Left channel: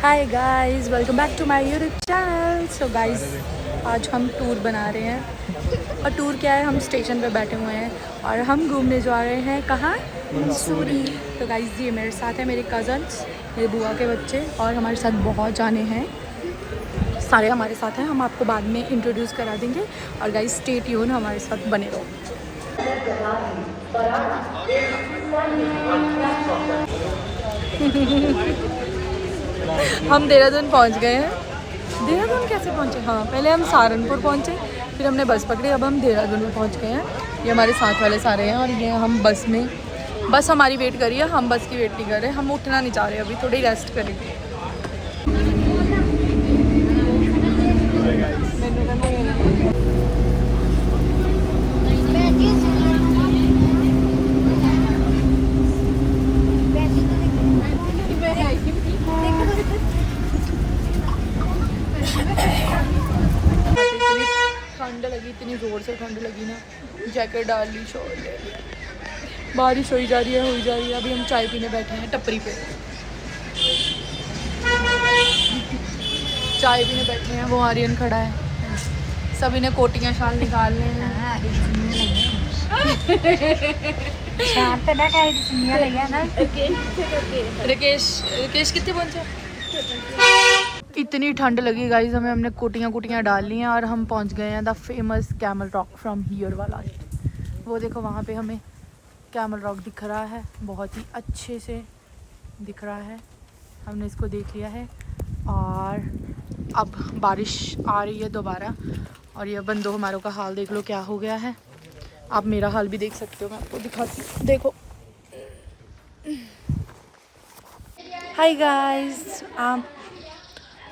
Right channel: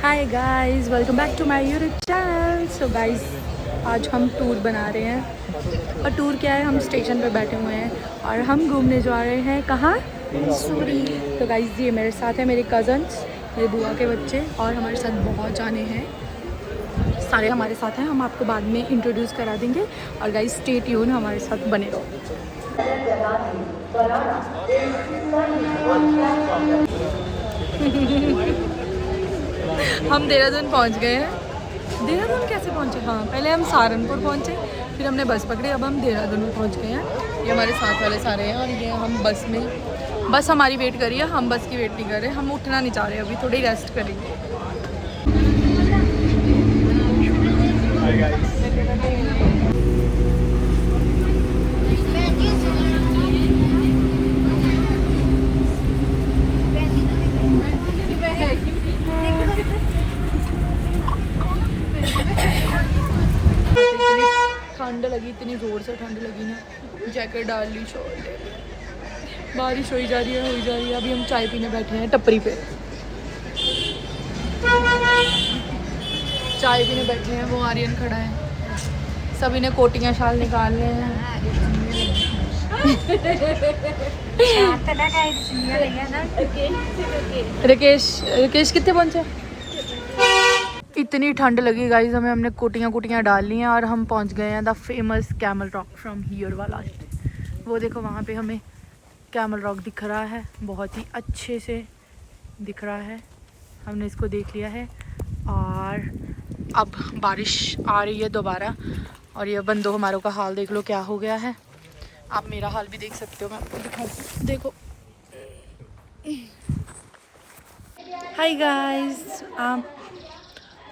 Hi guys, welcome back to my YouTube channel. So guys, आज हम tour बना रहे हैं। और टूर क्या है, हम स्टेशन पे बैठे हुए हैं और हम घूमने जा रहे हैं कहाँ? मसूरी। तो गाइस, ये मेरे साथ है मेरे कज़न्स, मेरे बुआ के बच्चे और हमारे साथ बहुत जाने हैं। सारे हमारे साथ हैं, हम आपको बाद में इंट्रोड्यूस करा देंगे। और गाइस, स्टे ट्यून, हमारे साथ बने रहो। हम देहरादून पहुंच गए हैं। देहरादून कैसे पहुंचे? हाँ, पहले हम सहारनपुर पहुंचे, फिर हमने बस पकड़ी, अब हम देहरादून में पहुंच गए हैं। ये हमारे साथ वाले सारे हैं और ये हम बस में, बस हमारी वेट करी है, हम बस की वेट नहीं कर रहे। हम उठना नहीं चाह रहे, अभी थोड़ी रेस्ट करेंगे। इतनी ठंड लगी, इतनी ज़ोर से ठंड लगी ना, जैकेट डाल ली, शॉल ले ली। बारिश हो जा रही है। अभी हम चाय पीने बैठे हैं टपरी पे। चाय पीने बैठे हैं, वो आर्यन खड़ा है। सभी ने कोटियाँ शाल निकालने हैं। रिकेश कितने पहुंचे? इतनी ठंड लगी गाइस, हमने कोटियाँ डाल ली हैं और हम पहुंच गए हैं the famous camel rock from here वाला। वो देखो, वहाँ पे हमें कैमल रॉक दिख रहा है, बहुत ही अच्छे से दिख रहा है। हमने इसको देख लिया है और अब बारिश आ रही है दोबारा। और ये बंदो हमारों का हाल देख लो क्या हो गया है। आप मेरा हाल भी देख सकते हो, मैं आपको दिखाती हूँ, देखो। हाय गाइस,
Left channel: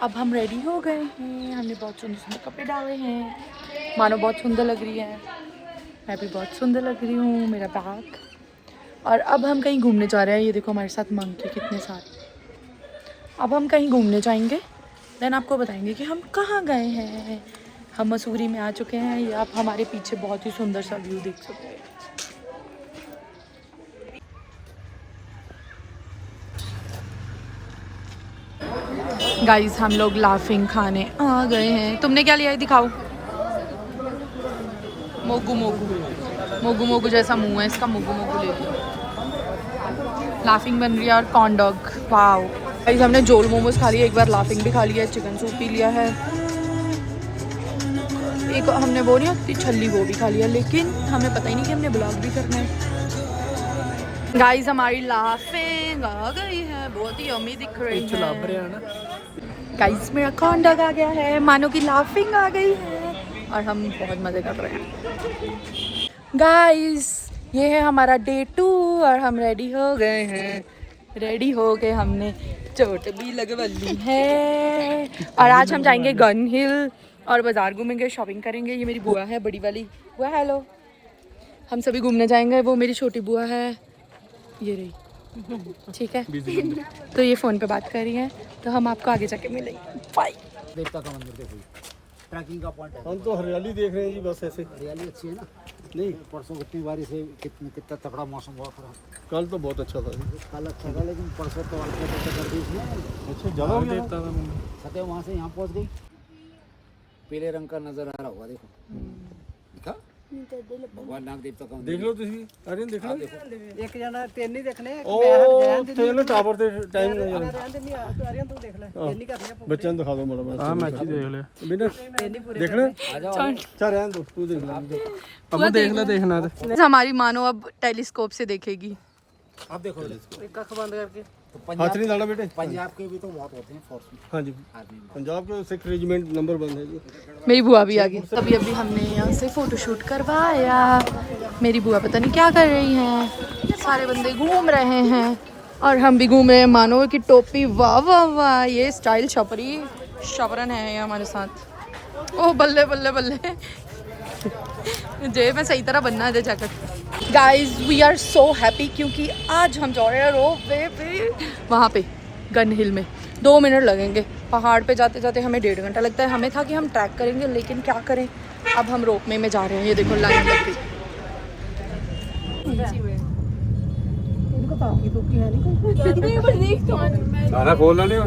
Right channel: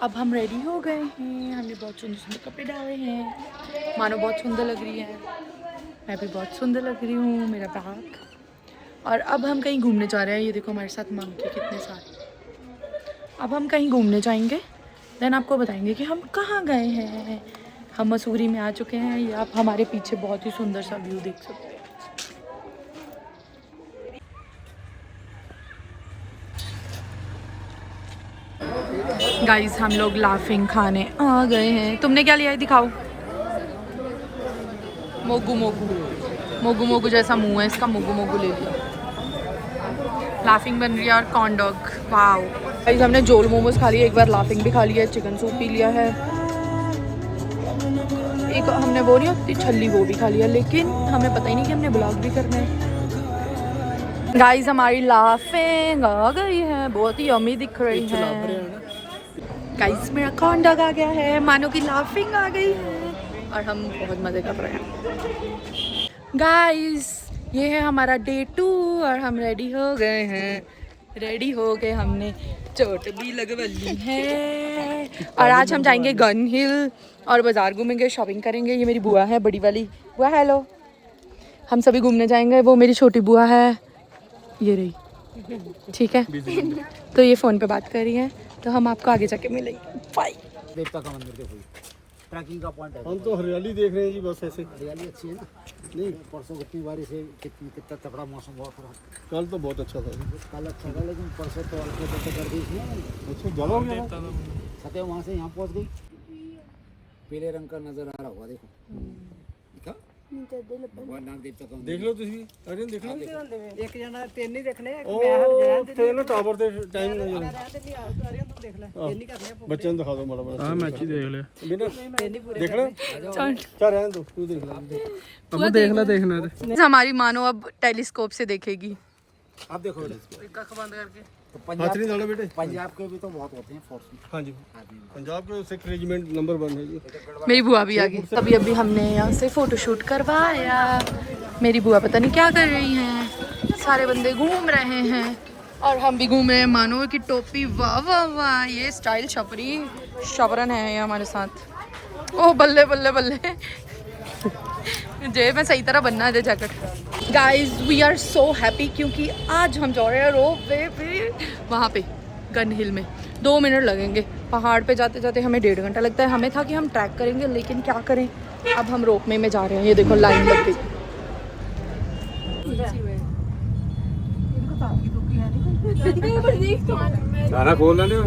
अब हम रेडी हो गए हैं। हमने बहुत सुंदर सुंदर कपड़े डाले हैं। मानो बहुत सुंदर लग रही है, मैं भी बहुत सुंदर लग रही हूँ, मेरा बैग। और अब हम कहीं घूमने जा रहे हैं। ये देखो हमारे साथ मंकी कितने सारे। अब हम कहीं घूमने जाएंगे, देन आपको बताएंगे कि हम कहाँ गए हैं। हम मसूरी में आ चुके हैं। ये आप हमारे पीछे बहुत ही सुंदर सा व्यू देख सकते हैं। गाइस, हम लोग लाफिंग खाने आ गए हैं। तुमने क्या लिया है, दिखाओ। मोगू मोगू जैसा मुंह है इसका, मोगू ले लिया। लाफिंग बन रही है और कॉर्न डॉग। वाओ गाइस, हमने जोल मोमोज खा लिया, एक बार लाफिंग भी खा लिया है, चिकन सूप पी लिया है, एक हमने वो नहीं होती छल्ली, वो भी खा लिया। लेकिन हमें पता ही नहीं कि हमने ब्लॉग भी करना है। गाइस, हमारी लाफिंग आ गई है, बहुत ही यम्मी दिख रही है। गाइस, मेरा कॉर्न डॉग आ गया है, मानो की लाफिंग आ गई है और हम बहुत मज़े कर रहे हैं। गाइस, ये है हमारा डे 2 और हम रेडी हो गए हैं। हमने चोट भी लगवा ली है और आज हम जाएंगे गन हिल और बाज़ार घूमेंगे, शॉपिंग करेंगे। ये मेरी बुआ है, बड़ी वाली बुआ। हेलो। हम सभी घूमने जाएंगे। वो मेरी छोटी बुआ है, ये रही, ठीक है। तो ये फ़ोन पे बात कर रही है, तो हम आपको आगे जाके मिलेंगे। बाय। देवता का मंदिर देखो, ट्रैकिंग का पॉइंट है। हम तो हरियाली देख रहे हैं जी, बस ऐसे। हरियाली अच्छी है ना। नहीं, परसों कितनी बारिश है, कितना तगड़ा मौसम हुआ पूरा। कल तो बहुत अच्छा था। कल अच्छा था, लेकिन परसों तो अल्ट्रा कर दी इसने। अच्छा, ज़्यादा हो गया। सतह वहाँ से यहाँ पहुँच गई। पीले रंग का नजर आ रहा होगा, देखो। दिखा भगवान नाग देवता का देख लो तुसी, आर्यन देख लो। एक जना तीन नहीं देखने ओ तेन टावर ते टाइम नहीं जाना। आर्यन तू देख ले तीन नहीं करने बच्चों दिखा दो माड़ा माड़ा। हाँ, मैच ही देख लिया। बिना तीन नहीं पूरे देखना चल रहने दो, तू देख ले। अब देख ले, देखना है। हमारी मानो अब टेलीस्कोप से देखेगी। आप देखो इसको। एक आंख बंद करके तो हाथ नहीं डालना बेटे। पंजाब के भी तो बहुत होते हैं फोर्स में। हाँ जी, आदमी में। पंजाब के सिख रेजिमेंट नंबर 1 है जी। मेरी बुआ भी आ गई। अभी हमने यहाँ से फोटोशूट करवाया। मेरी बुआ पता नहीं क्या कर रही हैं, सारे बंदे घूम रहे हैं और हम भी घूम रहे हैं। मानो की टोपी, वाह वाह वाह, ये स्टाइल शपरन है ये हमारे साथ। ओ बल्ले बल्ले बल्ले, जेब में सही तरह बनना है jacket. Guys, we are so happy क्योंकि आज हम जा रहे हैं रोप वे पे, वहाँ पे गन हिल में। 2 मिनट लगेंगे, पहाड़ पे जाते जाते हमें 1.5 घंटा लगता है। हमें था कि हम ट्रैक करेंगे, लेकिन क्या करें, अब हम रोप में जा रहे हैं। ये देखो लाइन लग गई। गाना खोलना नहीं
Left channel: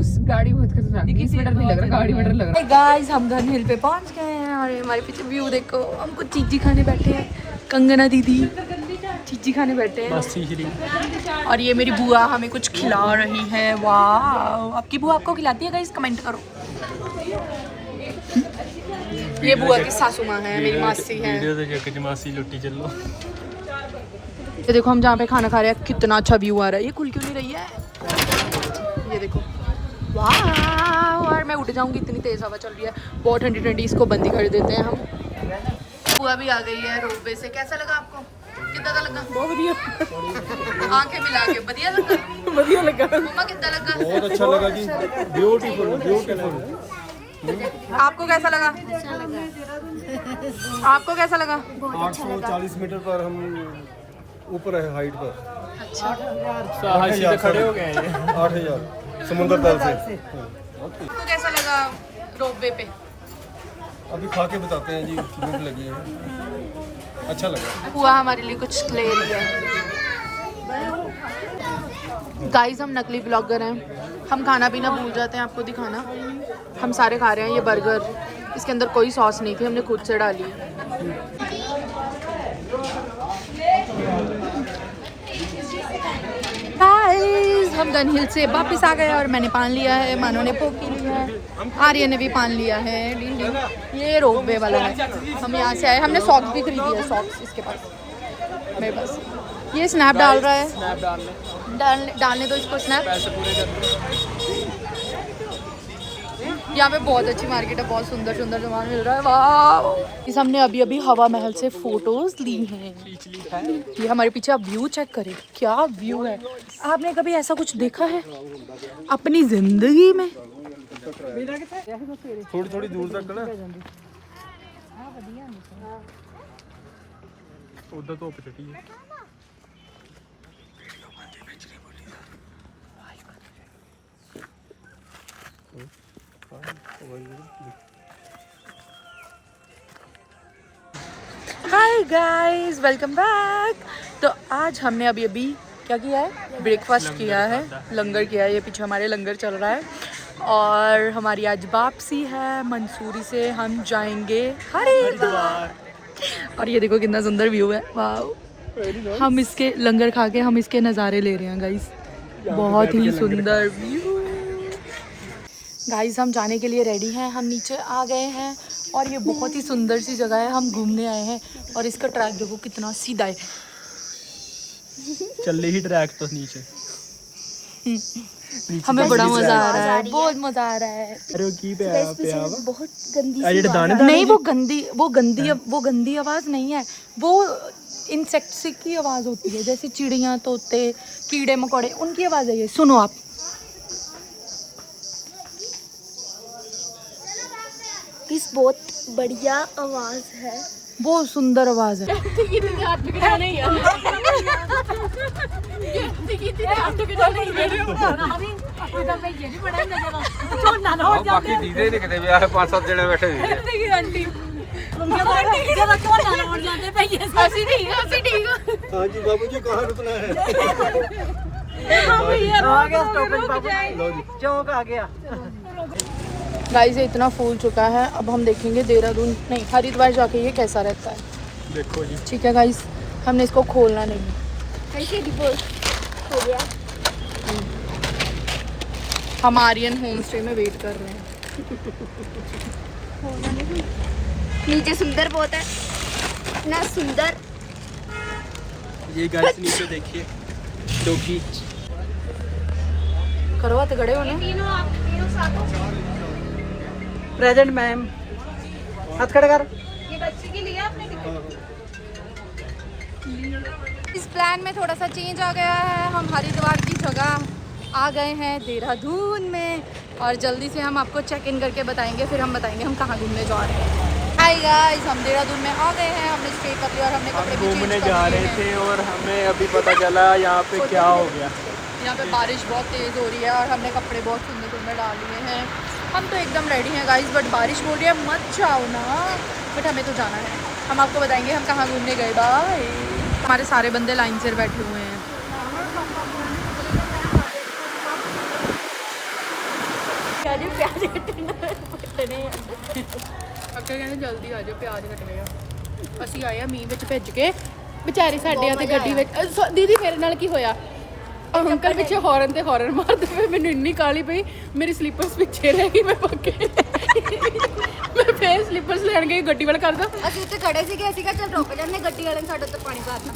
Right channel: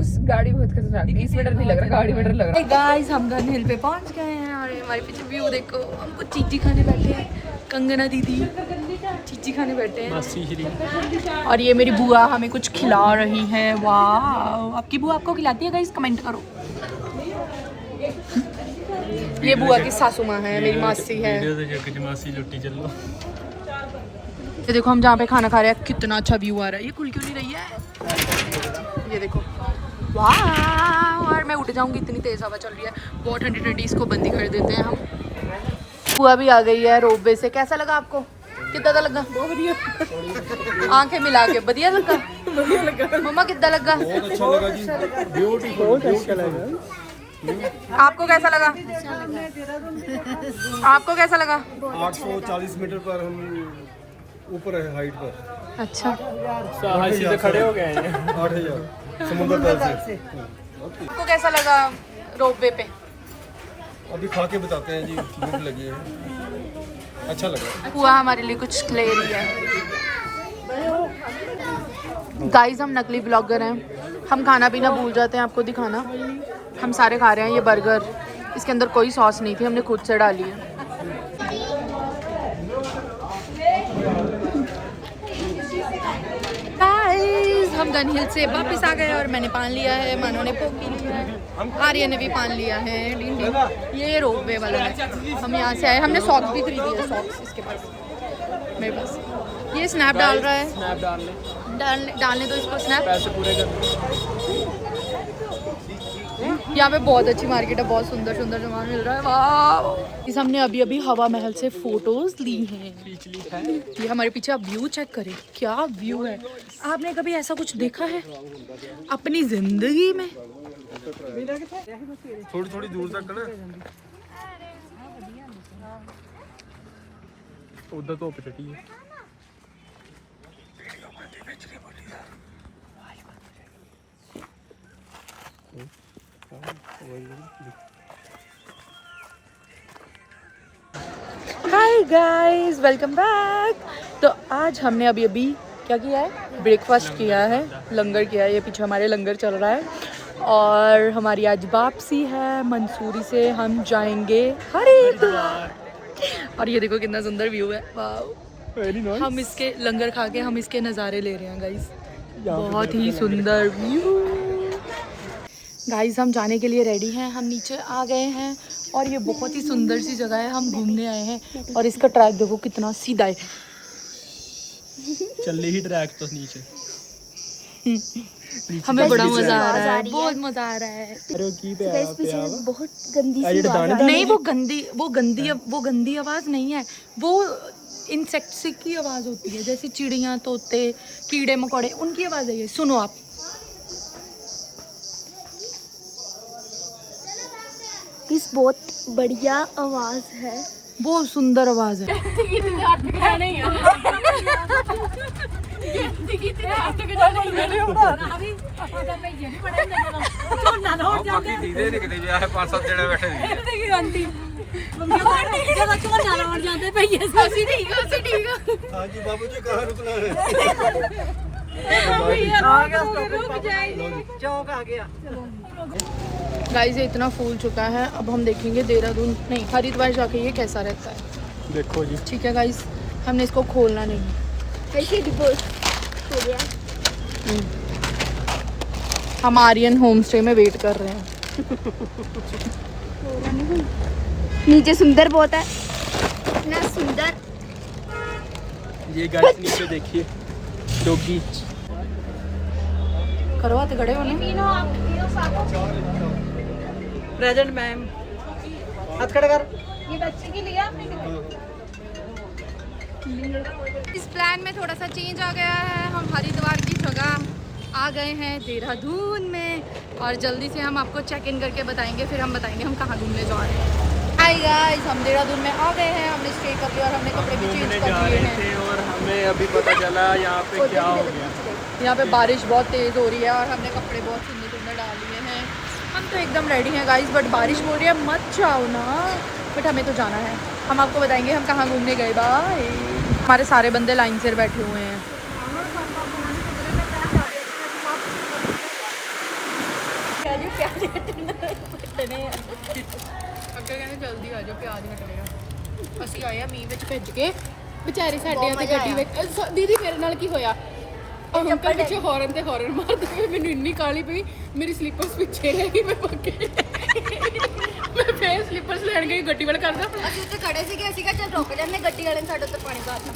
उस गाड़ी बहुत खतरनाक थी, इस मीटर नहीं लग रहा, गाड़ी मीटर लग रहा। गाइस हम गन हिल पे पहुंच गए हैं और हमारे पीछे व्यू देखो, हमको चीजी खाने बैठे हैं कंगना दीदी, चीजी खाने बैठे हैं। और ये मेरी बुआ हमें कुछ खिला रही है। वाह, आपकी बुआ आपको खिलाती है गाइस? कमेंट करो। ये बुआ की सासू माँ है, मेरी मासी है। वीडियो से जाके मासी लुट्टी चल लो। ये देखो हम जहाँ पे खाना खा रहे हैं कितना अच्छा व्यू आ रहा है। ये खुल क्यों नहीं रही है? ये देखो, वाह। और मैं उठ जाऊंगी, इतनी तेज हवा चल रही है, बहुत ठंडी ठंडी। इसको बंद ही कर देते हैं हम। बुआ भी आ गई है रोपवे से। कैसा लगा आपको? कितना का लगा? बहुत बढ़िया। आंखें मिला के बढ़िया लगा। बढ़िया लगा। मम्मा कितना लगा? बहुत अच्छा लगा जी, ब्यूटीफुल ब्यूटीफुल। आपको कैसा लगा? आपको कैसा लगा? 840 मीटर पर हम ऊपर है, हाइट पर। अच्छा, हाइट से खड़े हो गए हैं। 8000 समुद्र तल से। आपको कैसा लगा रोपवे पे? अभी खा के बताते हैं जी, भूख लगी है। अच्छा लगा। बुआ हमारे लिए कुछ ले रही है। गाइस हम नकली ब्लॉगर हैं, हम खाना पीना भूल जाते हैं आपको दिखाना। हम सारे खा रहे हैं ये बर्गर, इसके अंदर कोई सॉस नहीं थी, हमने खुद से डाली है। गाइस हम गन हिल से वापस आ गए और मैंने पान लिया है, मानो ने कोक पी लिया है, आर्य ने भी पान लिया है। डिन डिन। ये रोपवे वाला है, हम यहाँ से आए। हमने सॉक्स भी खरीदी है, सॉक्स इसके पास, मेरे पास। ये स्नैप डाल रहा है, स्नैप डालने दो इसको स्नैप। पैसे पूरे कर। यहाँ पे बहुत अच्छी मार्केट है, बहुत सुंदर सुंदर सामान मिल रहा है। वाह, इस हमने अभी अभी हवा महल से फोटोज ली हैं। पिछली है ये हमारे पीछे आप व्यू चेक करें, क्या व्यू है। आपने कभी ऐसा कुछ देखा है अपनी जिंदगी में? थोड़ी थोड़ी दूर तक ना उधर तो पिटटी है। हाय गाइस, वेलकम बैक। तो आज हमने अभी अभी क्या किया है? ब्रेकफास्ट किया है, लंगर किया है। ये पीछे हमारे लंगर चल रहा है और हमारी आज वापसी है। मंसूरी से हम जाएंगे हरिद्वार। और ये देखो कितना सुंदर व्यू है, वाह। हम इसके लंगर खा के हम इसके नज़ारे ले रहे हैं गाइस, बहुत ही सुंदर व्यू। गाइस हम जाने के लिए रेडी हैं, हम नीचे आ गए हैं और ये बहुत ही सुंदर सी जगह है, हम घूमने आए हैं। और इसका ट्रैक देखो कितना सीधा है, चल ही ट्रैक तो नीचे। हमें बड़ा मजा आ रहा है, बहुत मजा आ रहा है। अरे की पे आया पे बहुत गंदी अरे दाने नहीं, वो गंदी आवाज नहीं है, वो इंसेक्ट्स की आवाज होती है, जैसे चिड़िया, तोते, कीड़े मकोड़े, उनकी आवाज है ये। सुनो आप। इस बहुत बढ़िया आवाज है, बहुत सुंदर आवाज है। हाँ जी बाबू जी, कहाँ रुकना है? चौक आ गया। गाइस ये इतना फूल चुका है, अब हम देखेंगे देहरादून नहीं हरिद्वार जाके ये कैसा रहता है। देखो जी, ठीक है गाइस, हमने इसको खोलना नहीं है। कैसे डिपोज हो गया। हम आर्यन होम स्टे में वेट कर रहे हैं। नीचे सुंदर बहुत है, इतना सुंदर। ये गाइस नीचे देखिए डॉगी। करवाते खड़े हो ना। प्रेजेंट मैम, हाथ खड़ा कर। ये बच्चे के लिए आपने इस प्लान में थोड़ा सा चेंज आ गया है। हम हरिद्वार की जगह आ गए हैं देहरादून में और जल्दी से हम आपको चेक इन करके बताएंगे, फिर हम बताएंगे हम कहाँ घूमने जा रहे हैं। हाय गाइस, हम देहरादून में आ गए हैं, हमने स्टे कर लिया और हमने कपड़े भी चेंज घूमने कर जा लिए रहे हैं। थे और हमें अभी पता चला यहाँ पे क्या हो गया। यहाँ पे बारिश बहुत तेज़ हो रही है और हमने कपड़े बहुत सुंदर सुंदर डाल लिए हैं। हम तो एकदम रेडी हैं गाइस, बट बारिश बोल रही है मत जाओ ना, बट हमें तो जाना है। हम आपको बताएंगे हम कहाँ घूमने गए। बाय। हमारे सारे बंदे लाइन से बैठे हुए हैं। प्याज जल्दी आ जाओ, प्याज कट रहे ਆ। ਅਸੀਂ ਆਏ ਆ ਮੀਂਹ ਵਿੱਚ ਭਿੱਜ ਕੇ, ਵਿਚਾਰੀ ਸਾਡੇ ਆ ਤੇ ਗੱਡੀ ਵਿੱਚ ਦੀਦੀ ਮੇਰੇ ਨਾਲ ਕੀ ਹੋਇਆ, ਅੰਕਲ ਪਿੱਛੇ ਹੌਰਨ ਤੇ ਹੌਰਨ ਮਾਰਦੇ ਪਏ, ਮੈਨੂੰ ਇੰਨੀ ਕਾਲੀ ਪਈ, ਮੇਰੀ ਸਲੀਪਰਸ ਪਿੱਛੇ ਰਹਿ ਗਈ, ਮੈਂ ਪੱਕੇ ਮੈਂ ਫੇਰ ਸਲੀਪਰਸ ਲੈਣ ਗਈ, ਗੱਡੀ ਵਾਲਾ ਕਰਦਾ ਅਸੀਂ ਉੱਥੇ ਖੜੇ ਸੀਗੇ, ਅਸੀਂ ਕਿਹਾ ਚੱਲ ਰੁਕ ਜਾਂਦੇ, ਗੱਡੀ ਵਾਲੇ ਨੇ ਸਾਡੇ ਉੱਤੇ ਪਾਣੀ ਪਾਤਾ।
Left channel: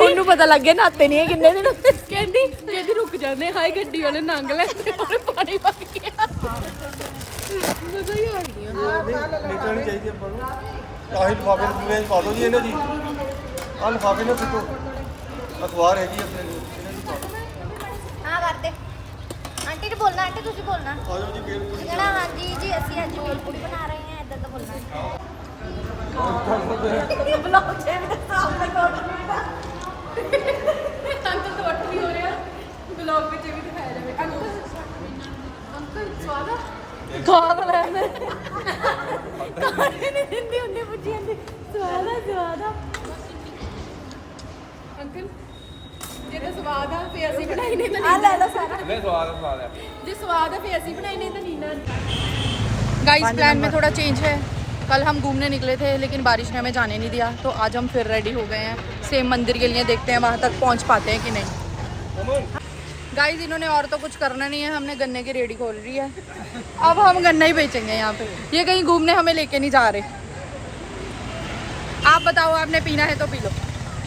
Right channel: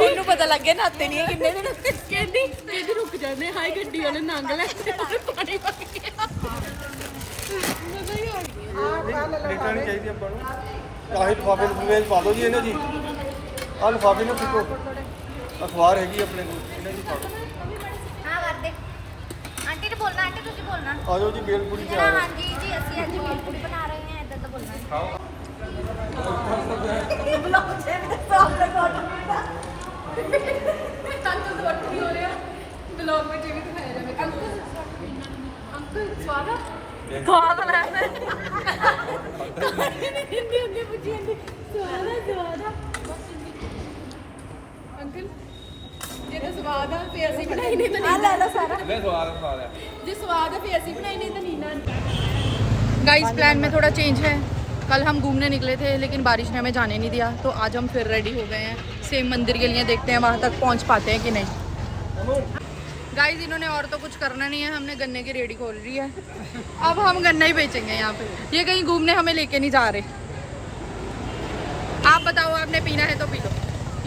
ਮੈਨੂੰ ਪਤਾ ਲੱਗ ਗਿਆ ਨਾਤੇ ਨਹੀਂ ਕਿੰਨੇ ਦਿਨ, ਕਹਿੰਦੀ ਰੁਕ ਜਾਂਦੇ, ਹਾਏ ਗੱਡੀ ਵਾਲੇ ਨੰਗ ਲੈਂਦੇ ਪਾਣੀ ਪਾ ਕੇ। ਰਿਟਰਨ ਚਾਹੀਦੀ ਆਪਾਂ ਨੂੰ। ਆਹੀ ਲਿਫਾਫੇ ਵਿੱਚ ਪਾ ਦਿਓ ਜੀ ਇਹਨਾਂ ਦੀ। ਆਹ ਲਿਫਾਫੇ ਨਾਲ ਸੁੱਟੋ। ਅਖਬਾਰ ਹੈਗੀ ਆਪਣੇ ਕੋਲ, ਇਹਨਾਂ ਦੀ ਪਾ ਦਿਓ। ਹਾਂ ਕਰਦੇ ਆਂਟੀ ਨੇ ਬੋਲਣਾ, ਆਂਟੀ ਤੁਸੀਂ ਬੋਲਣਾ। ਆ ਜਾਓ ਜੀ ਬੇਲ ਪੂਰੀ। ਹਾਂਜੀ ਜੀ ਅਸੀਂ ਅੱਜ ਭੇਲਪੂਰੀ ਬਣਾ ਰਹੇ ਹਾਂ, ਇਦਾਂ ਦਾ ਬੋਲਣਾ। ਖਾਦ ਲੈਂਦੇ ਹਿੰਦੀ ਹੁੰਦੀ ਪੁੱਛੀ ਜਾਂਦੀ, ਸਵਾਦ ਆ ਅੰਕਲ, ਜੇ ਤਾਂ ਸਵਾਦ ਆ ਫੇ ਅਸੀਂ ਬਣਾਈ ਨਹੀਂ ਤਾਂ ਨਹੀਂ। ਲੈ ਲਓ ਸਾਰਾ। ਲੈ ਸਵਾਦ ਆ। ਜੇ स्वाद है फिर ऐसी बनाई नहीं तो नीना। गाइस प्लान में थोड़ा चेंज है। कल हम घूमने निकले थे लेकिन बारिश ने हमें जाने नहीं दिया, तो आज हम फिर रेडी हो गए हैं सेम मंदिर के लिए। देखते हैं वहाँ तक पहुँच पाते हैं कि नहीं। गाइस इन्होंने और तो कुछ करना नहीं है, हमने गन्ने की रेडी खोल रही है, अब हम गन्ना ही बेचेंगे यहाँ पे। ये कहीं घूमने हमें लेके नहीं जा रहे। आप बताओ, आपने पीना है तो पी लो।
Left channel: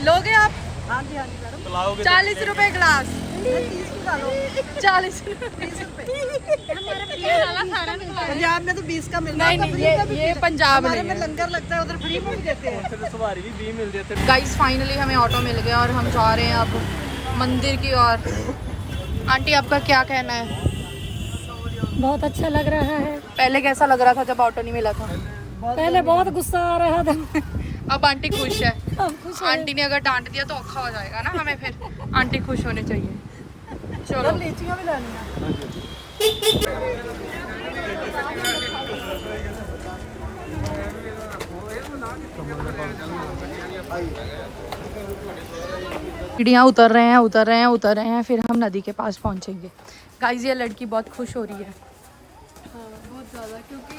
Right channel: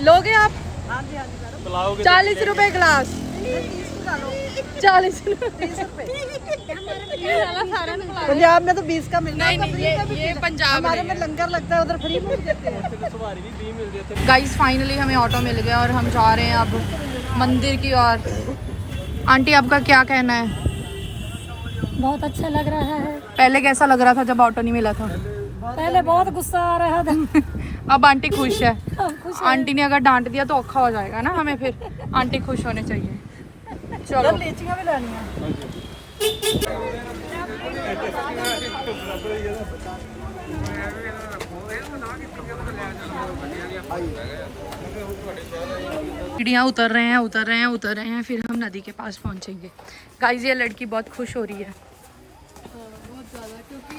लोगे आप? हाँ जी 40 रुपए गिलास। 40 पंजाब में तो 20 का मिलता है, ये पंजाब हमारे में लंगर लगता है, उधर फ्री में भी देते हैं। गाइस फाइनली हमें ऑटो मिल गया और हम जा रहे हैं अब मंदिर की ओर। आंटी आपका क्या कहना है? बहुत अच्छा लग रहा है। पहले कैसा लग रहा था जब ऑटो नहीं मिला था? पहले बहुत गुस्सा आ रहा था। अब आंटी खुश है। आंटी ने अगर डांट दिया तो औखा हो जाएगा ना हमें, फिर आंटी खुश होने चाहिए। चलो सीढ़ियाँ उतर रहे हैं, फिर हम नदी के पास पहुंचेंगे। गाइस ये लड़की बहुत खुश हो रही है। बहुत ज़्यादा, क्योंकि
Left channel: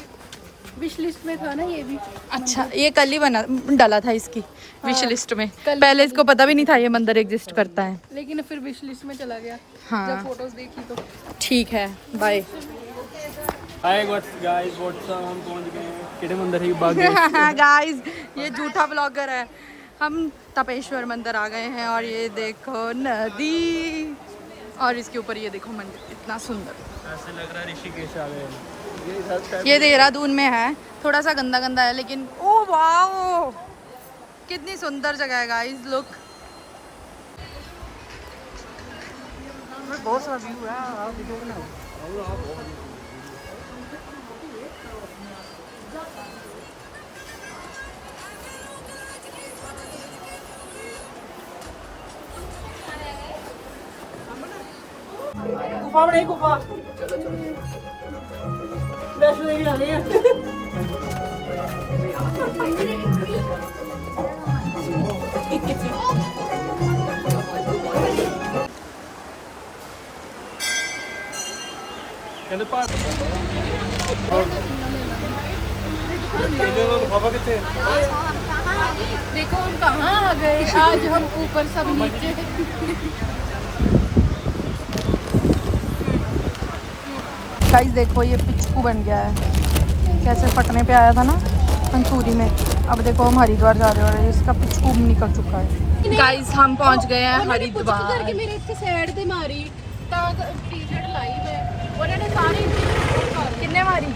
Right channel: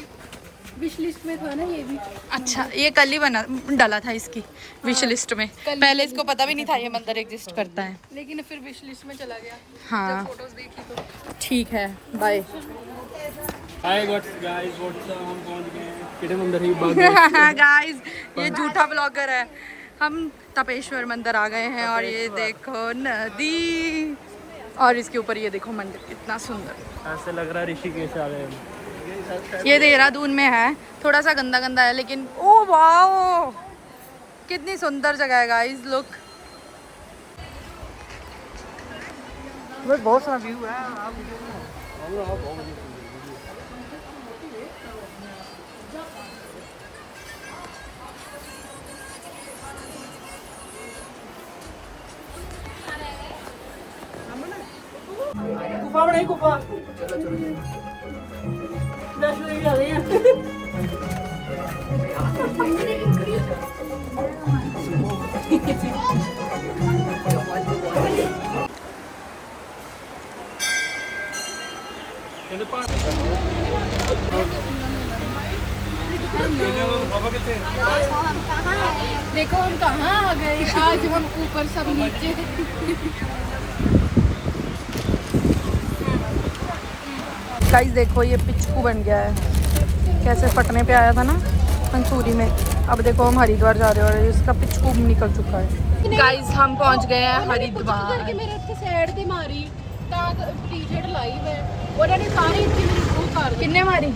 विश लिस्ट में था ना ये भी। अच्छा, ये कल ही डाला था इसकी विश लिस्ट में। पहले इसको पता भी नहीं था ये मंदिर एग्जिस्ट करता है, लेकिन फिर विश लिस्ट में चला गया। हाँ फोटोज देखी तो ठीक है, बाय। हाय गाइस व्हाट्सअप, हम पहुंच गए हैं किटे मंदिर ही भाग गए। गाइस ये झूठा ब्लॉगर है। हम तपेश्वर मंदिर आ गए हैं और ये देखो नदी, और इसके ऊपर ये देखो मंदिर कितना सुंदर। ऐसा लग रहा है ऋषिकेश आ गए हैं। ये देहरादून में है, थोड़ा सा गंदा गंदा है लेकिन ओ वाओ कितनी सुंदर जगह है गाइस। लुक, बहुत सारा व्यू है। गुफा बड़ी गुफा वैष्णो देवी आ गए हैं। कहते पास देखो हम कहाँ आ गए, आज हम ऊपर सब नीचे। गाइस देखो ये पिचकू बन गया है, कैसे फटने पे आया था ना मंसूरी में। अब देखो हम हरिद्वार जा रहे हैं और इसका पिचकू निकल चुका है। गाइस हम पहुंच गए हैं हरिद्वार। कि मेरे इतनी साइड ते मारी टी-शर्ट लाई है, उन्होंने सारी इतनी किन्ने मारी?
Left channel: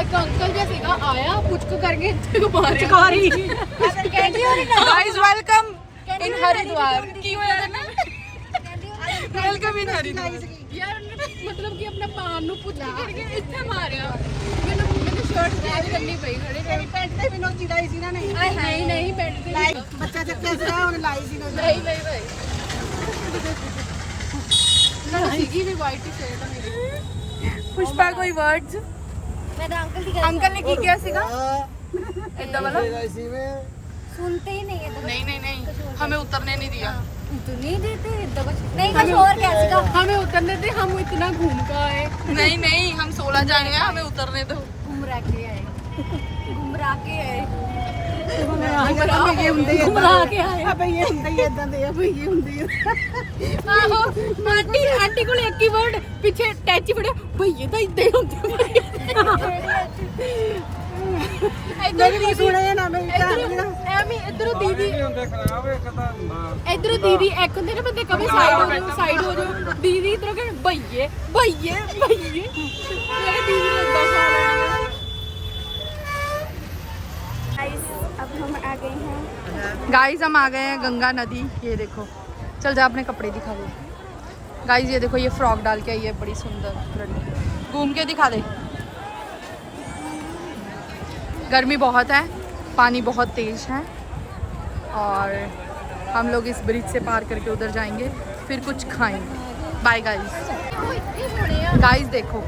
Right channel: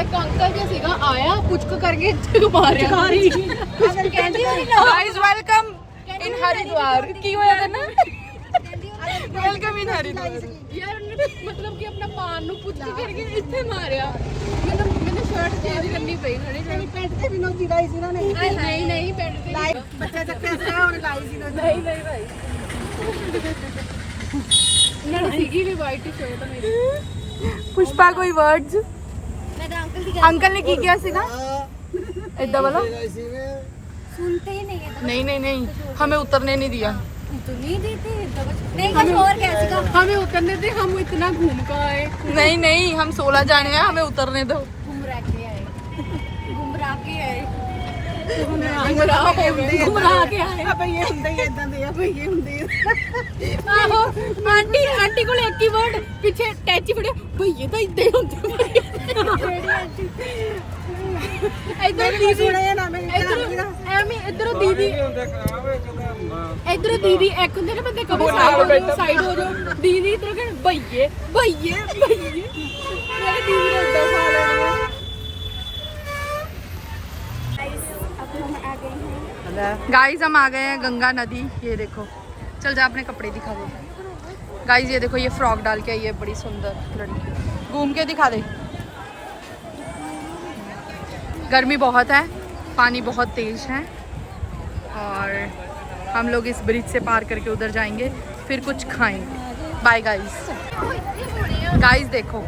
एक अंकल जैसे सीधा आया पुचक करके मारी। Guys welcome in Haridwar. की होया ना? Welcome in Haridwar. यार मतलब कि अपने पान नु पुचक करके इतने मारिया। मैंने शर्ट चेंज करनी पई खड़े पैंट ते बिनो चिड़ाई सी ना। नहीं पैंट की बच्चा चक्के से और लाई सी नहीं भाई नाले सीगी भी वाइट टी-शर्ट मेरी। पुष्पा कोई वर्ड्स मैंने अंकल की अंकल ने की क्या सीखा इतना बोलो सुनते ही नहीं है नहीं हमें उतरने नहीं दिया नहीं देते नहीं कुछ और क्या सीखा हमें उतरने दे, हम इतना घूम का आए। नहीं हम 16 जाने हैं हमें उतरने दो घुमरा के आए घुमरा के आए घुमरा के आए भईए ਹੁੰਦੇ ਹੀ ਇਦਾਂ ਦੇ ਆ ਭਈਏ ਹੁੰਦੇ ਆ ਆਹੋ ਆਂਟੀ ਕੋਲ ਇੱਕ ਹੀ ਵਰਡ ਪਿੱਛੇ ਟੈਚੀ ਫੜਿਆ ਭਈਏ ਤਾਂ ਇਦਾਂ ਹੀ ਹੁੰਦੇ ਇਧਰ ਵੀ ਸੁਣਿਆ ਨਾ ਮੈਂ ਐਵੇਂ ਇਧਰ ਦੀਦੀ ਇਧਰ ਦੀਦੀ ਇੱਕ ਹੁੰਦੇ ਨੇ ਬੰਦੇ ਕਦੇ ਸਾਈਡ ਹੋ ਜਾਓ ਦੀਦੀ ਇਧਰ ਕਹਿਣ ਭਈਏ ਮੈਂ ਕਿਹਾ ਦੀਦੀ ਨੂੰ ਇਦਾਂ ਸਾਲ ਆਉਣਾ गाइस हम आ गए हैं गंगा नदी। ये देखो चल जा अपने कपड़े दिखा दे गाइस। ये देखो ये फ्रॉक डाल के आई है बड़ी सुंदर लड़की, घूम के दिखा दे। गर्मी बहुत है, पानी बहुत तेज है और हम लोग इस ब्रिज से पार करके उधर जाएंगे फिर कुछ खाएंगे। बाय गाइस देखो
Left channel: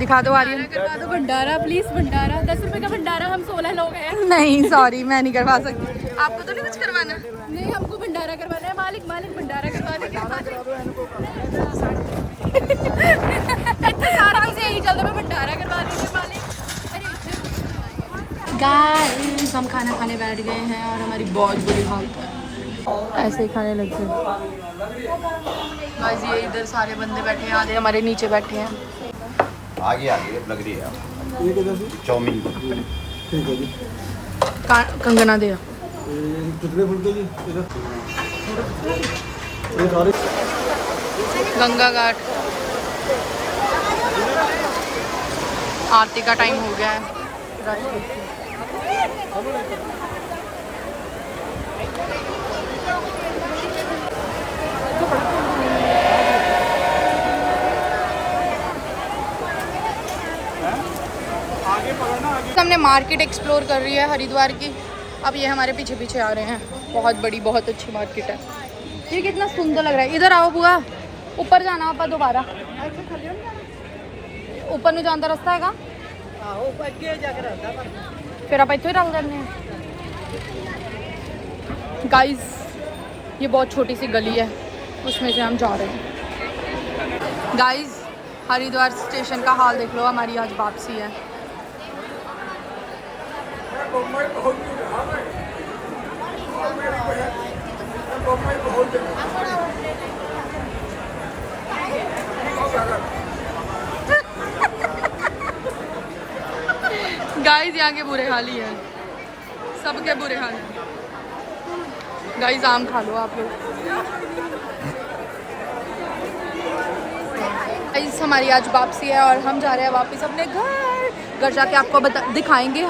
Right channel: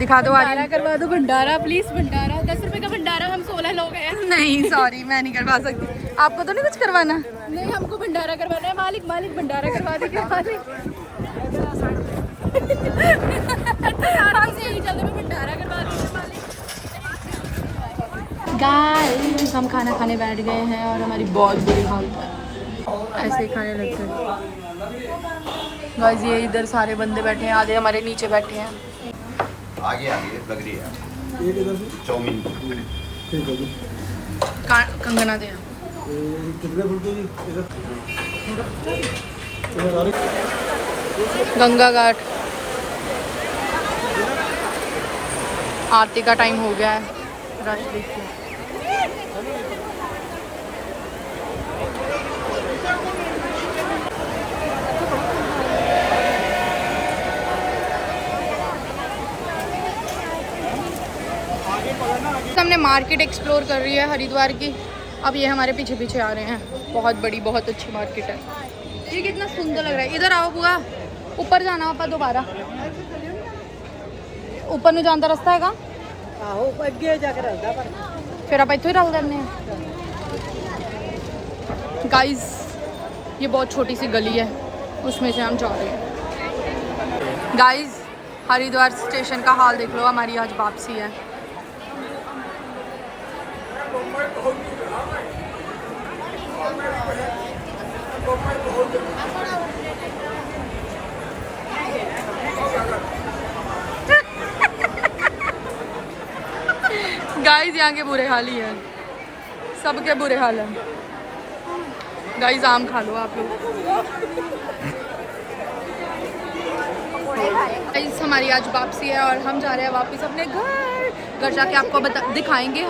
दिखा दो आर्यन। करवा दो भंडारा प्लीज, भंडारा 10 रुपए का भंडारा, हम 16 लोग हैं। नहीं सॉरी मैं नहीं करवा सकती, आपको तो नहीं कुछ करवाना। नहीं हमको भंडारा करवाना है, मालिक भंडारा करवा दीजिए। सारा चीज़ यही चल रहा है, भंडारा करवा दीजिए मालिक। गाइस हम खाना खाने बैठ गए हैं और हमारी बहुत बुरी हालत है, ऐसे ही खाने लगते हैं। बस ये इधर सारे बंदे बैठे हैं, आधे हमारे नीचे बैठे हैं। आगे लग रही है ਇਹ ਕਿਦਾਂ ਸੀ चाउमीन ਠੀਕ ਹੈ ਜੀ कंगना दे कितने फुट जी इधर गंगा घाट आरती का टाइम हो गया है। रश देखिए। हमने मार्केट एक्सप्लोर कर रही है हरिद्वार की। अब ये हमारे पीछे पीछे आ रहे हैं। बहुत बड़ी बहुत अच्छी मार्केट है। ये कितना सुंदर लग रहा है। इधर आओ बुआ, ऊपर जाना आप दोबारा। ऊपर नहीं जाता रास्ता है फिर आप इतने डाल देने। गाइस ये बहुत छोटी सी गली है, उसमें से हम जा रहे हैं। गाइस हरिद्वार स्टेशन का हाल देख लो, हमारी आज वापसी है। गाइस यहाँ के बुरे हाल ही है, सबके बुरे हाल है। गाइस आम खा लो आप लोग। गाइस हमारी आज वापसी है और हम जा रहे हैं वापस अपने घर जाके आपको दिखाएंगे।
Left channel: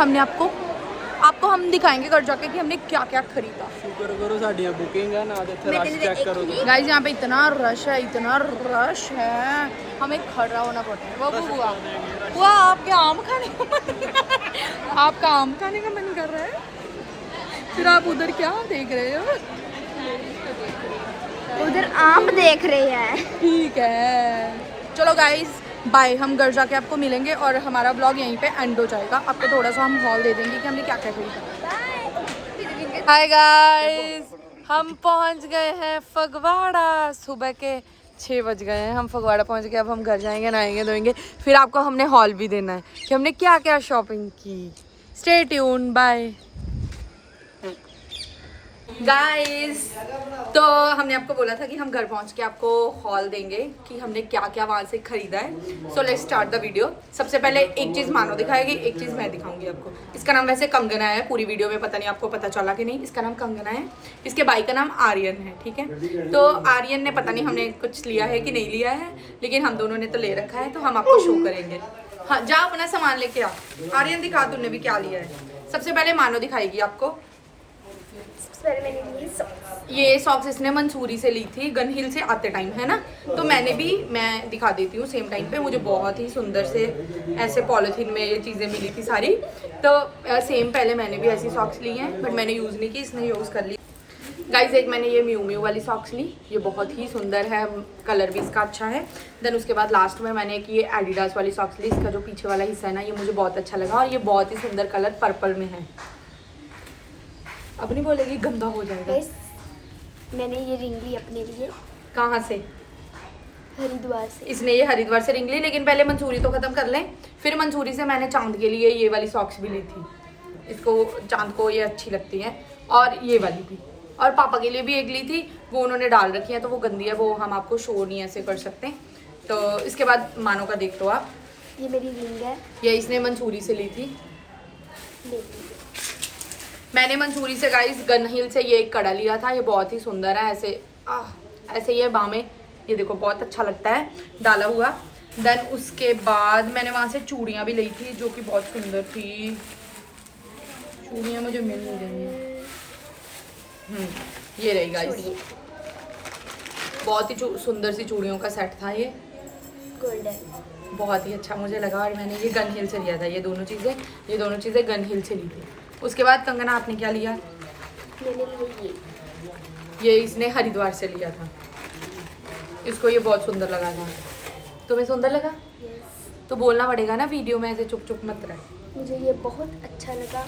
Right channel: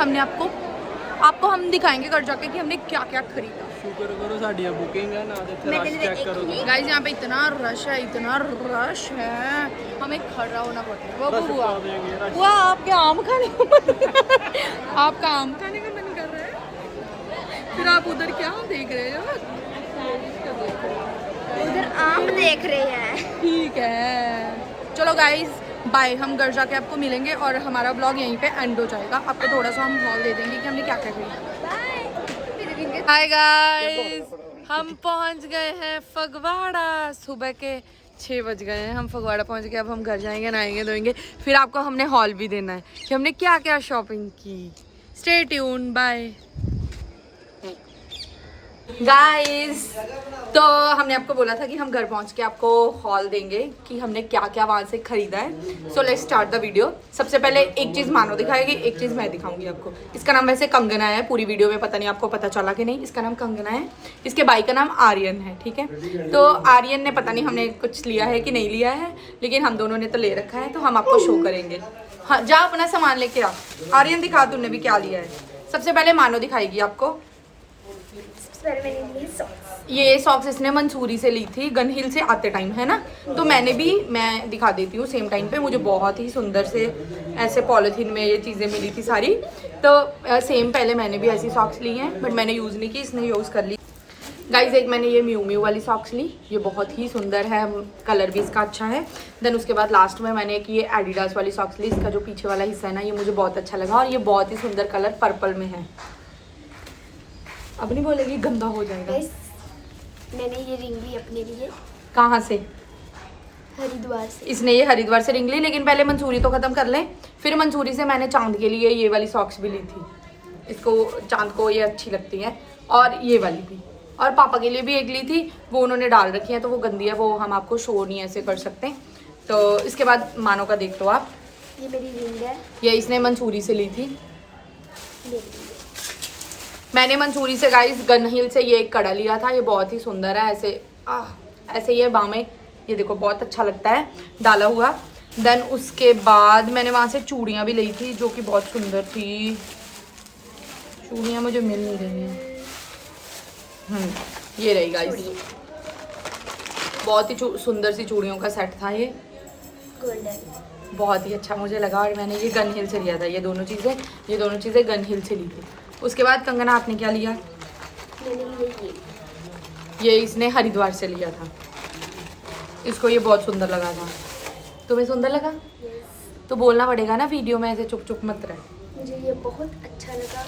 आपको हम दिखाएंगे घर जाके कि हमने क्या क्या खरीदा। शुक्र करो साडियां बुकिंग है ना, तो रश चेक करो। गाइस यहाँ पे इतना रश है, हमें खड़ा होना पड़ता है। वो बुआ आपका आम खाने आपका आम खाने का मन कर रहा है, फिर आप उधर क्या देख रहे हो? उधर आम देख रहे हैं। ठीक है चलो गाइस बाय। हम घर जाके आपको मिलेंगे और हमारा ब्लॉग यहीं पे एंड हो जाएगा। आपको थोड़ा सा हम हॉल दे देंगे कि हमने क्या क्या खरीदा। हाय गाइस हम पहुंच गए हैं फगवाड़ा। सुबह के 6 बज गए हैं, हम फगवाड़ा पहुंच गए। अब हम घर जाएंगे, नहाएंगे धोएंगे, फिर आपको हमने हॉल भी देना है कि हमने क्या क्या शॉपिंग की। Stay tuned bye guys. तो हमने आपको बोला था कि हम घर पहुंच के आपको हॉल देंगे कि हमने क्या क्या वहाँ से खरीदा है। So let's start the video. सबसे पहले एक चीज़ मानो दिखाएगी, एक चीज़ मैं दिखाऊंगी आपको। इसका नाम वैसे कंगना है, पूरी वीडियो में पता नहीं आपको पता चला कि नहीं। इसका नाम कंगना है, इसके भाई का नाम आर्यन है, ठीक है। तो आर्यन ने पता नहीं हमने कुछ लिया है कि नहीं लिया है, लेकिन हम दोनों ने तो ले रखा है, तो हम आपको शो करेंगे। हाँ जा अपना सामान लेके आ। आर्यन दिखा तूने भी क्या लिया है। सबसे पहले मानो दिखाएगी आपको। ये सॉक्स इसने मंसूरी से ली थी, गन हिल से आते टाइम, है ना। तो मैं दिखा देती हूँ सेम टाइम पे। मुझे बहुत ही सुंदर से ऐसे पॉलिथीन में ये चीज़ें मिली थी सारी। तो सेम पहले मैंने भी ऐसी सॉक्स ली हैं, बट मैंने यूज़ नहीं की, इसने यूज़ कर ली। गाइज एक मैंने ये म्यू म्यू वाली सॉक्स ली, ये बहुत ही सुंदर है, कलर भी इसका अच्छा है। देन उसके बाद लास्ट में मैंने एक ये एडिडास वाली सॉक्स ली, इसका जो पीछे वाला हिस्सा है ना ये मुझे बहुत अच्छा लगा और ये बहुत ही सुंदर कलर पर्पल में है। अब नहीं बोलेगी गंदा हो जाएगा। मैंने ये रिंग ली अपने लिए। कहाँ से? हरिद्वार से। इसने ये हरिद्वार से रिंग ली, लेकिन पहले मंसूरी तो खत्म कर लें। फिर मंसूरी से मैंने चांद के लिए ये वाली सॉक्स भी ली थी, इसको चांद को ये अच्छी लगती है, और ये वाली भी। और पापा के लिए भी एक ली थी, वो उन्होंने डाल रखी है तो वो गंदी है, वो हम आपको शो नहीं ऐसे कर सकते। तो इसके बाद मानो का देख लो आप, ये मेरी रिंग है, ये इसने मंसूरी से ली थी। मैंने मंसूरी से गाइस गन हिल से ये एक कड़ा लिया था, ये बहुत ही सुंदर है, ऐसे ऐसे ये बामें, ये देखो बहुत अच्छा लगता है डाला हुआ। देन उसके बाद मैंने वहाँ से चूड़ियाँ भी ली थी जो कि बहुत सुंदर थी। चूड़ियाँ मुझे मिल नहीं रही हैं। ये रही गाइस, बहुत ही सुंदर सी चूड़ियों का सेट था ये, गोल्डन, बहुत ही अच्छा मुझे लगा। और मैंने ये गन हिल से लिया था, ये दोनों चीज़ें गन हिल से ली थी। उसके बाद कंगना आपने क्या लिया? मैंने लिया ये इसने हरिद्वार से लिया था, इसको ये बहुत सुंदर लगा था। तुम्हें सुंदर लगा? तो बोलना पड़ेगा ना वीडियो में, ऐसे चुप चुप मत रहे। मुझे ये बहुत अच्छा लगा।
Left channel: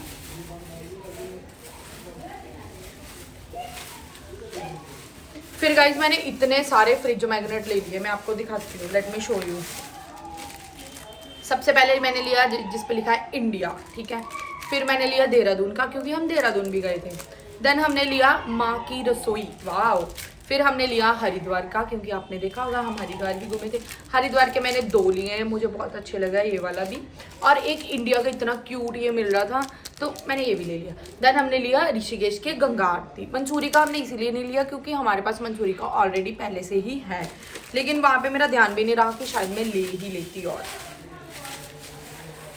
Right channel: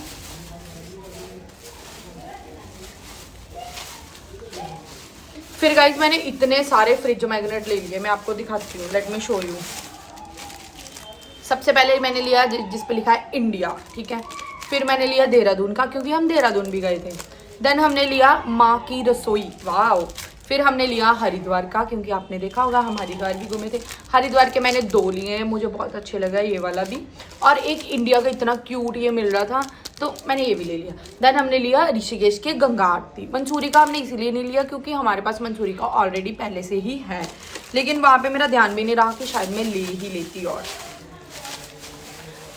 फिर गाइस मैंने इतने सारे फ्रिज मैग्नेट ले लिए, मैं आपको दिखाती हूँ, लेट मी शो यू। सबसे पहले मैंने लिया जिस पे लिखा है इंडिया, ठीक है। फिर मैंने लिया देहरादून का, क्योंकि हम देहरादून भी गए थे। देन हमने लिया माँ की रसोई, वाह। फिर हमने लिया हरिद्वार का, क्योंकि आपने देखा होगा हम हरिद्वार भी घूमे थे। हरिद्वार के मैंने 2 लिए हैं, मुझे बहुत अच्छे लगा ये वाला भी, और एक इंडिया का इतना क्यूट ये मिल रहा था तो मैंने ये भी ले लिया। देन हमने लिया ऋषिकेश के गंगा आरती। मंसूरी का हमने इसीलिए नहीं लिया क्योंकि हमारे पास मंसूरी का ऑलरेडी पहले से ही है, लेकिन वहाँ पे मेरा ध्यान भी नहीं रहा कि शायद मैं ले ही लेती। और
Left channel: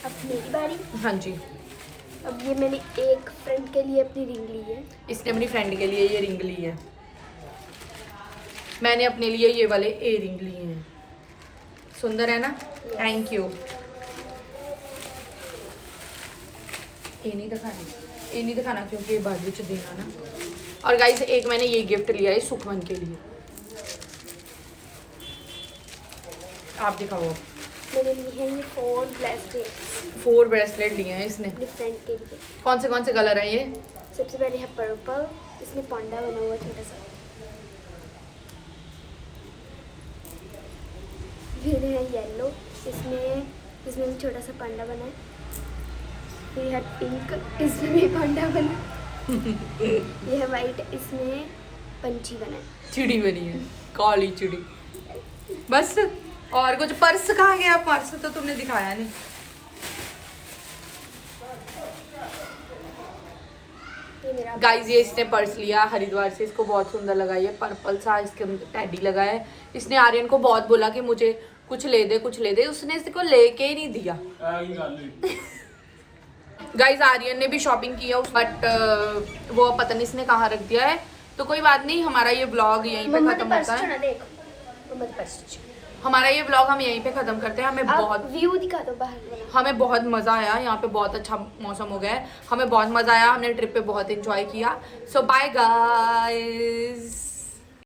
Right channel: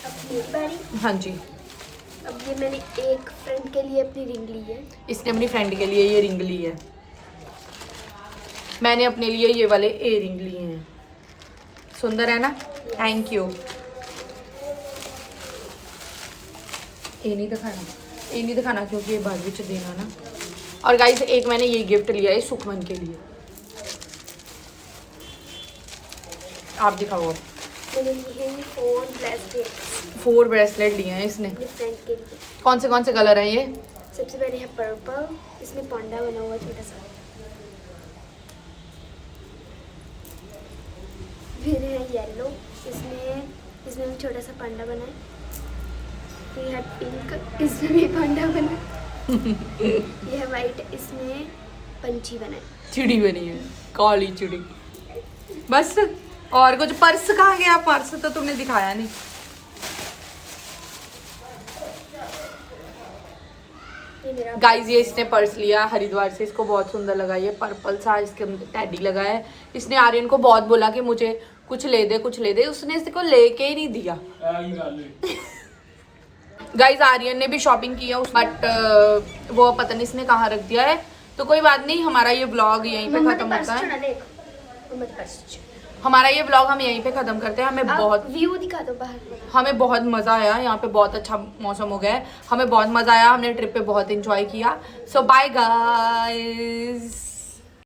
अब मेरी बारी। हाँ जी, अब ये मैंने एक फ्रेंड के लिए अपनी रिंग ली है। इसने अपनी फ्रेंड के लिए ये रिंग ली है, मैंने अपने लिए ये वाले ए रिंग लिए हैं। सुंदर है ना? Thank you. ये नहीं दिखाना क्योंकि ये बाद में देना ना। और गाइस एक मैंने ये गिफ्ट लिया है सुखमन के लिए, आप दिखाओ। मैंने लिए हैं ये 4 ब्रेसलेट लिए हैं इसने। अपने फ्रेंड के लिए। कौन से कलर है ये? सबसे पहले है पर्पल, इसमें पांडा बना हुआ छोटा सा। फिर है येलो, इसमें भी छोटा सा पांडा बना है। फिर है पिंक, इसमें भी पांडा बना है। ये है वाइट, इसमें पंछी बना है, चिड़ी बनी है, काली चिड़ी। बस और कुछ? पर्स कहाँ गया? पर्स तो तुमने दिखाया नहीं। गाइस ये इसने पर्स लिया हरिद्वार से, इसको बहुत सुंदर लगा, ये पर्पल सा, इसके अंदर टैडी लगा है। इसने आर्यन को बहुत बोला कि मुझे कुछ ले दे, उसने इसको लेके ही नहीं दिया। गाइस आर्यन ने भी शॉपिंग किया बट वो पता नहीं इसने कहाँ रख दिया है, तो कोई बात नहीं, हमारा ये व्लॉग यहीं पे खत्म होता है। हमारा ये व्लॉग हम यहीं पे खत्म करते हैं। हमें बहुत व्यू दिखा दो बाहर। हमें बहुत मजा आया, यहाँ पे बहुत अच्छा मौसम हो गया है, हमें बहुत मजा आया, हमने ट्रिप पे बहुत एंजॉय किया। सो बाय गाइस।